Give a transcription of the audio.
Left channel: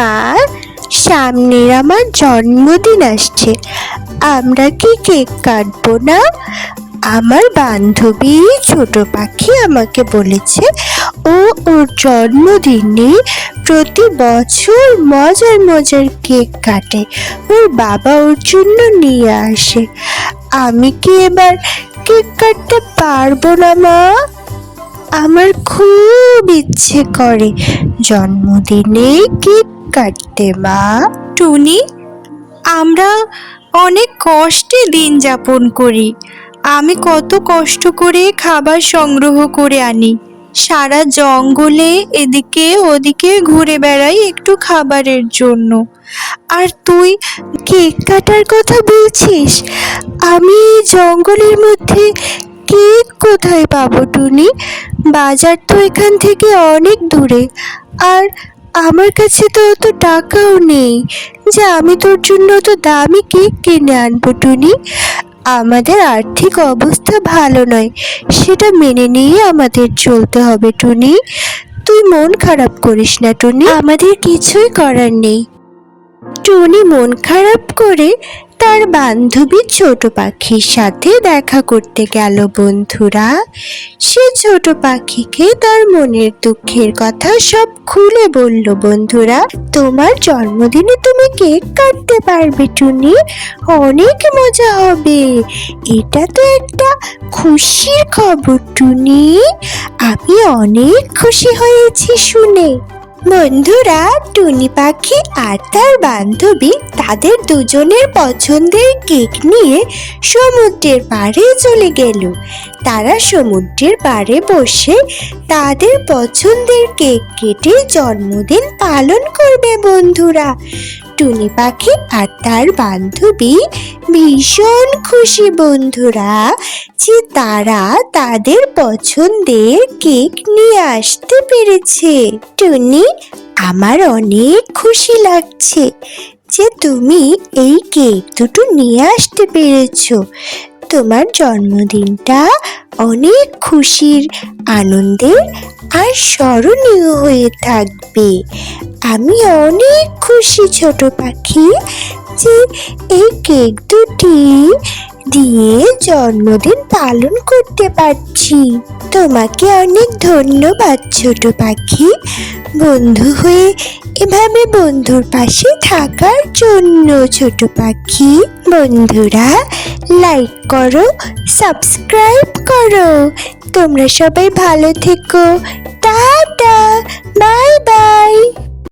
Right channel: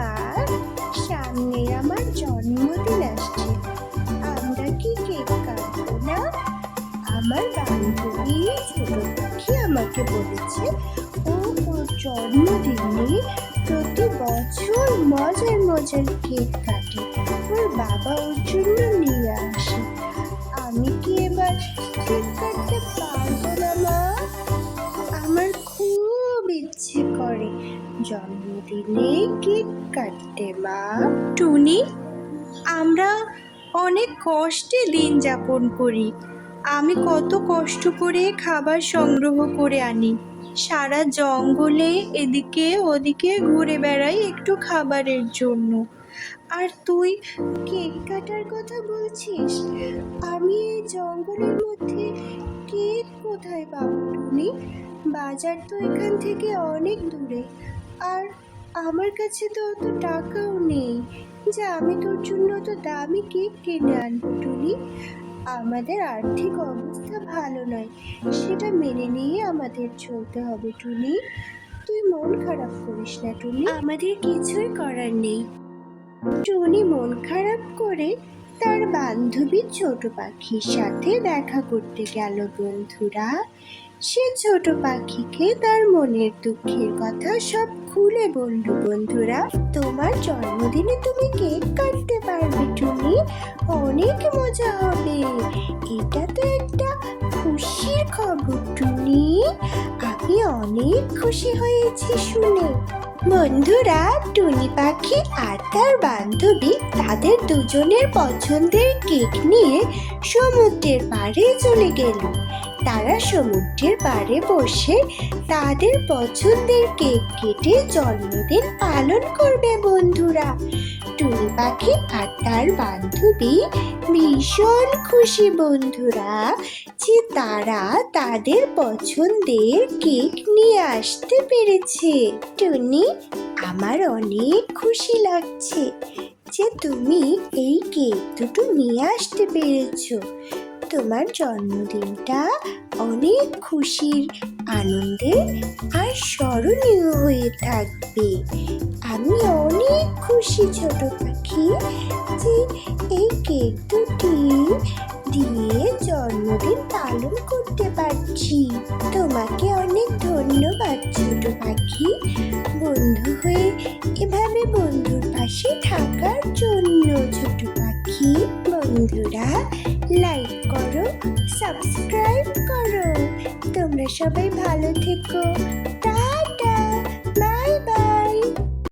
মা, সামনের আমার জন্মদিন আসছে, আমরা কি কেক কাটবো না? আমার বান্ধবী ছোট পাখি আমাকে বলেছে ও ওর জন্মদিনে প্রতি বছর মজার মজার কেক কাটে, ওর বাবা ওর জন্য নিয়ে আসে। আমি কি এবার কেক কাটতে পারবো না মা? আমার খুব ইচ্ছে করে জন্মদিনে কেক কাটতে মা। টুনি, আমরা অনেক কষ্টে দিন যাপন করি। আমি কত কষ্ট করে খাবার সংগ্রহ করে আনি, সারা জঙ্গলে এদিকে ওদিকে ঘুরে বেড়াই একটু খাবারের জন্য। আর তুই কেক কাটার কথা বলছিস? আমি জঙ্গলের মধ্যে কেক কোথায় পাবো টুনি? বাজার তো এখান থেকে অনেক দূরে, আর আমার কাছে তো অত টাকাও নেই যে আমি তোর জন্য তো দামি কেক কিনে আনবো টুনি। আমাদের আর্থিক অবস্থা ভালো নয়, সেটা মেনে নিয়ে আমাদের চলতে হবে টুনি। তুই মন খারাপ করিস না টুনি, আমাদের কিছুই করার নেই। টুনি মন খারাপ করে তার বান্ধবী ছোট পাখির সাথে দেখা করতে গেল। বন্ধুরা, সে ছোট পাখিকে তার মনের দুঃখের কথা সব খুলে বলল। বন্ধুরা, তোমার জন্মদিনে তুমি কেক কাটতে পারবে টুনি, অনেক মজা হবে। এটা তো একটা খুশির খবর টুনি, আমি অনেক খুশি হয়েছি শুনে। বন্ধুরা, টুনি পাখি আর তার বান্ধবী তাদের দুজনের পছন্দের কেক নিয়ে সমুদ্রের পাড়ে চলে গেল। তারা সমুদ্রের পাড়ে বসে তাদের পছন্দের কেক কেটে জন্মদিন পালন করবে। বন্ধুরা, টুনি পাখি আর তার বান্ধবী ভীষণ খুশি বন্ধুরা, যে তারা তাদের পছন্দের কেক নিয়ে আসতে পেরেছে। টুনি, আমার অনেক খুশি লাগছে যে তুমি এই কেক দুটো নিয়ে আসতে পেরেছো। তোমার জন্মদিনটা অনেক খুশির, আনন্দের আর স্মরণীয় হয়ে থাকবে। আমি অনেক খুশি ছোট পাখি যে এই কেক দুটি দিয়ে জন্মদিন পালন করতে পারছি। তোমাকে অনেক ধন্যবাদ ছোট পাখি, বন্ধু হয়ে এভাবে বন্ধুর পাশে থাকার জন্য। ছোট পাখি বন্ধুরা, লাইক করো, সাবস্ক্রাইব করো। তোমরা সবাই ভালো থেকো। Tata, bye bye.